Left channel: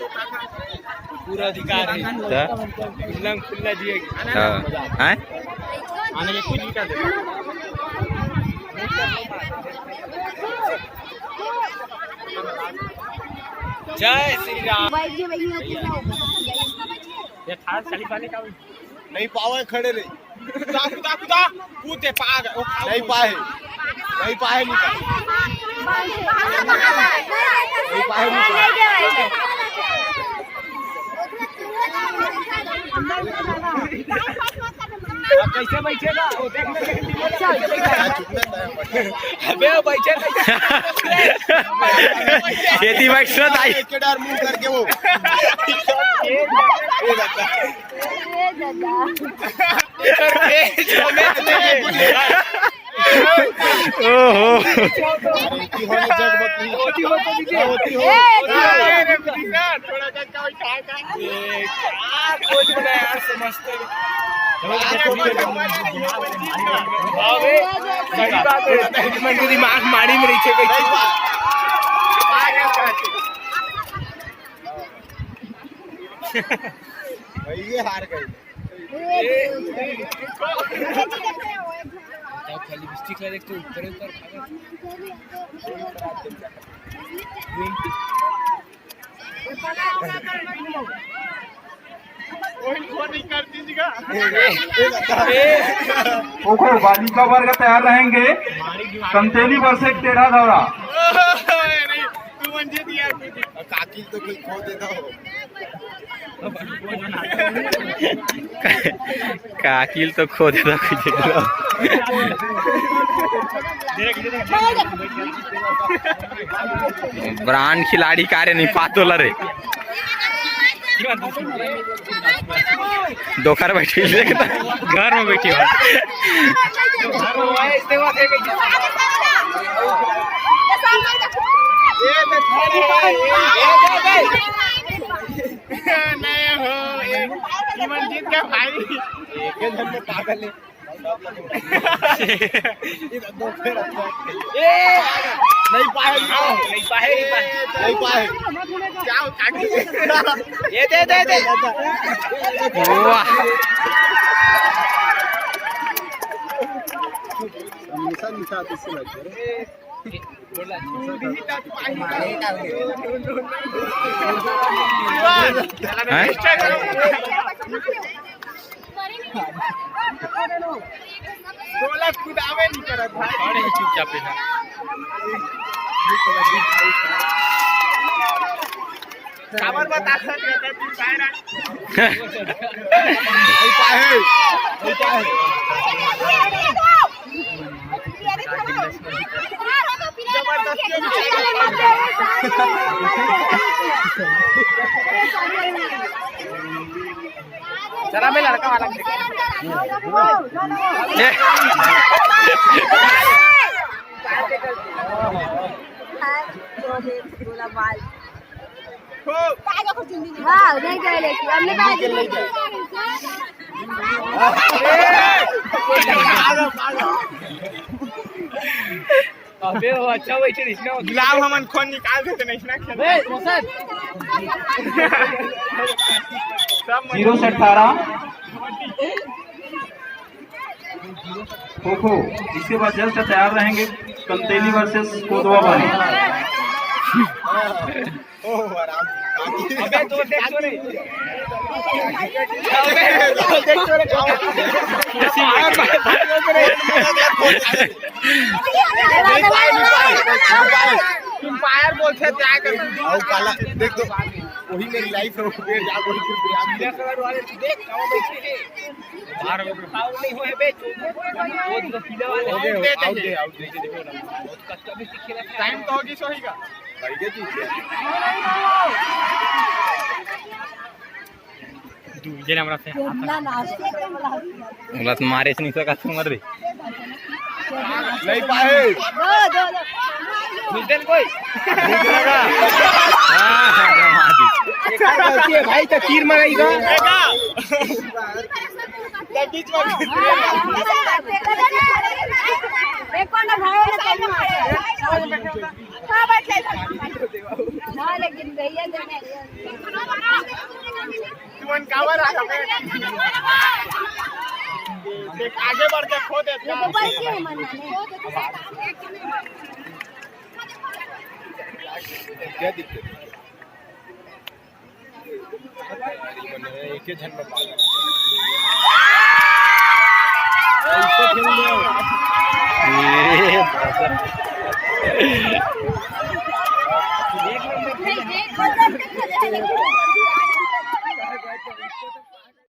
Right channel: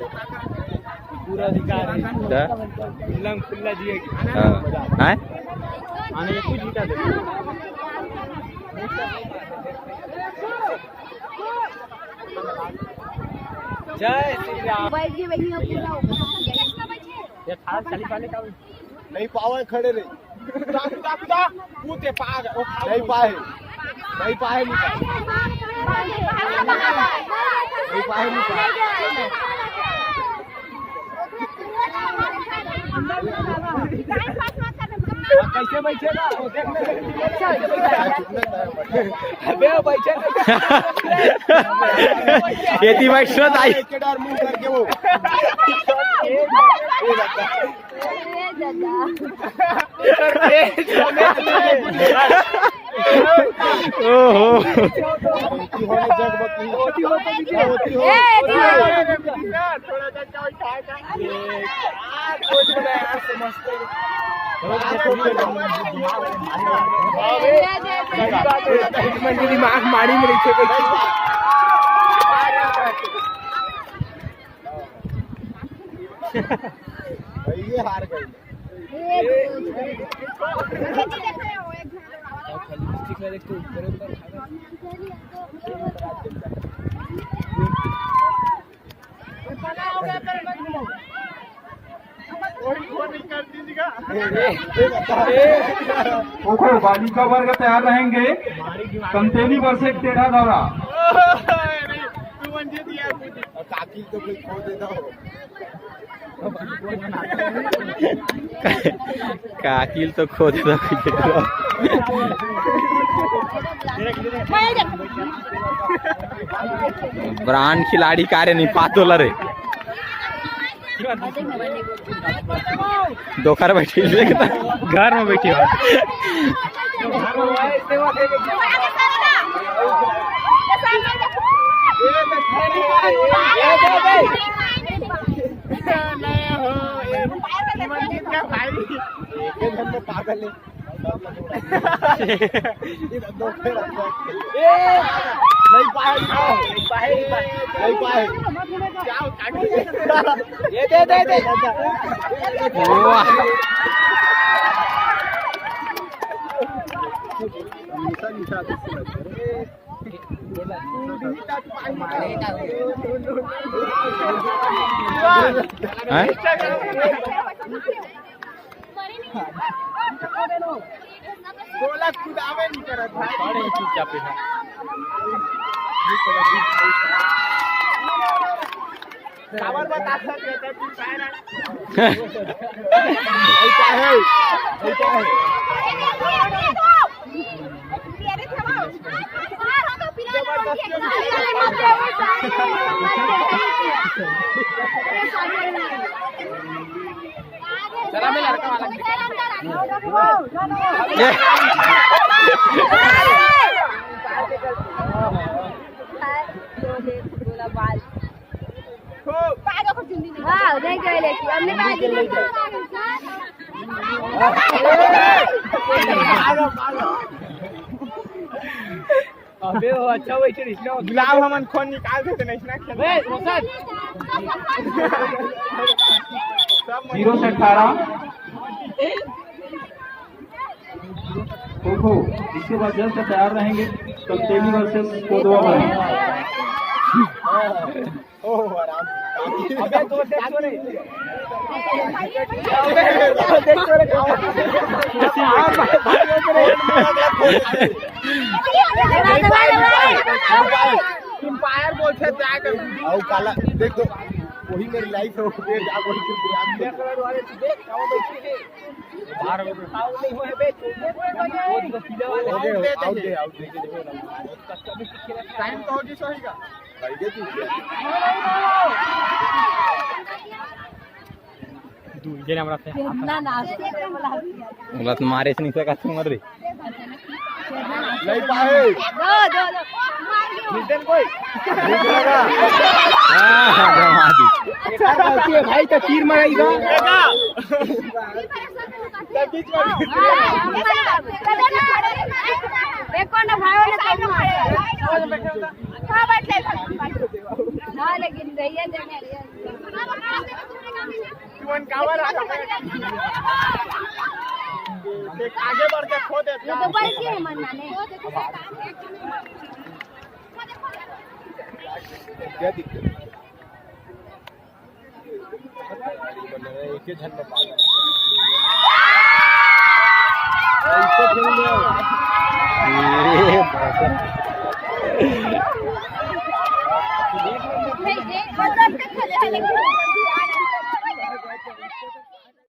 पूरा अधिकार है खुला जी हाँ आने कुछ भी कर दे जय श्री राम ये थार चाली वाले का नहीं पावे खड़े रे कुदा कुदा कुदा कूदे पाग नहीं पाए नहीं पाए नहीं पाए नहीं पाए कैसे बैठेगा वो देखने अबे बैठे खेती बैठत आई केदार मुंह करके वो ओहो की होने जग बकरी होती हो थोड़ा सा क्या उठाएगा क्या कुछ बना यार समझते दिमाग माड़ी में रही ये हार गई लिपस्टिक ला देखते ऊपर ओहो बालिका वर्ग तैयार रहेंगे। कंतेली वर्ष टेढ़ा दौरा काकी तो कोई खो देता हो काकिल तो खो देता ब्रांड खिलाड़ी कार्य नहीं पातोला रे दोखर बैठे घर में बैठे मंजीत का भाई एक घर में पागल है नहीं पाए नहीं पाए नहीं पाए क्या उठा ये दे वाह गोला कुदावे नहीं करत भाई खड़े चुपचाप है खबर बता सकते तू काय रे नहीं पाए नहीं पाए चला मैं लड़का वाला अबे वो अच्छा वैसे इसने गिलाव हमन खोन निकाल देते नहीं ना खेल सब 0-18 खो इसके बाद जल्द से तैयार रहेंगे। कंतेली वर्सेस कोदवा वाली ओह आराम अबे दो देख तो रे फायर बोलते क्या कर और काला देख दो वही मेरी लाइफ है वो जा बोल के कलर वाले देख कहां बैठे हैं बाहर आउट नहीं होए बे वो तो पीले वाले आउट दे देखो ना बहुत कष्ट में खेला टाइम तो होगी सोहीगा भाई के तू जे हमरा से उलत मारे से नहीं सका तुम रे नहीं पाए घुस कोई हाँ, जमा दी। भाई तो तीर मराएगा देखो ना भाई हाँ लेकिन भैया आगे बढ़ के खो दे क्या दिक्कत एक ही झन में पागल ऐसे खेल ये देखो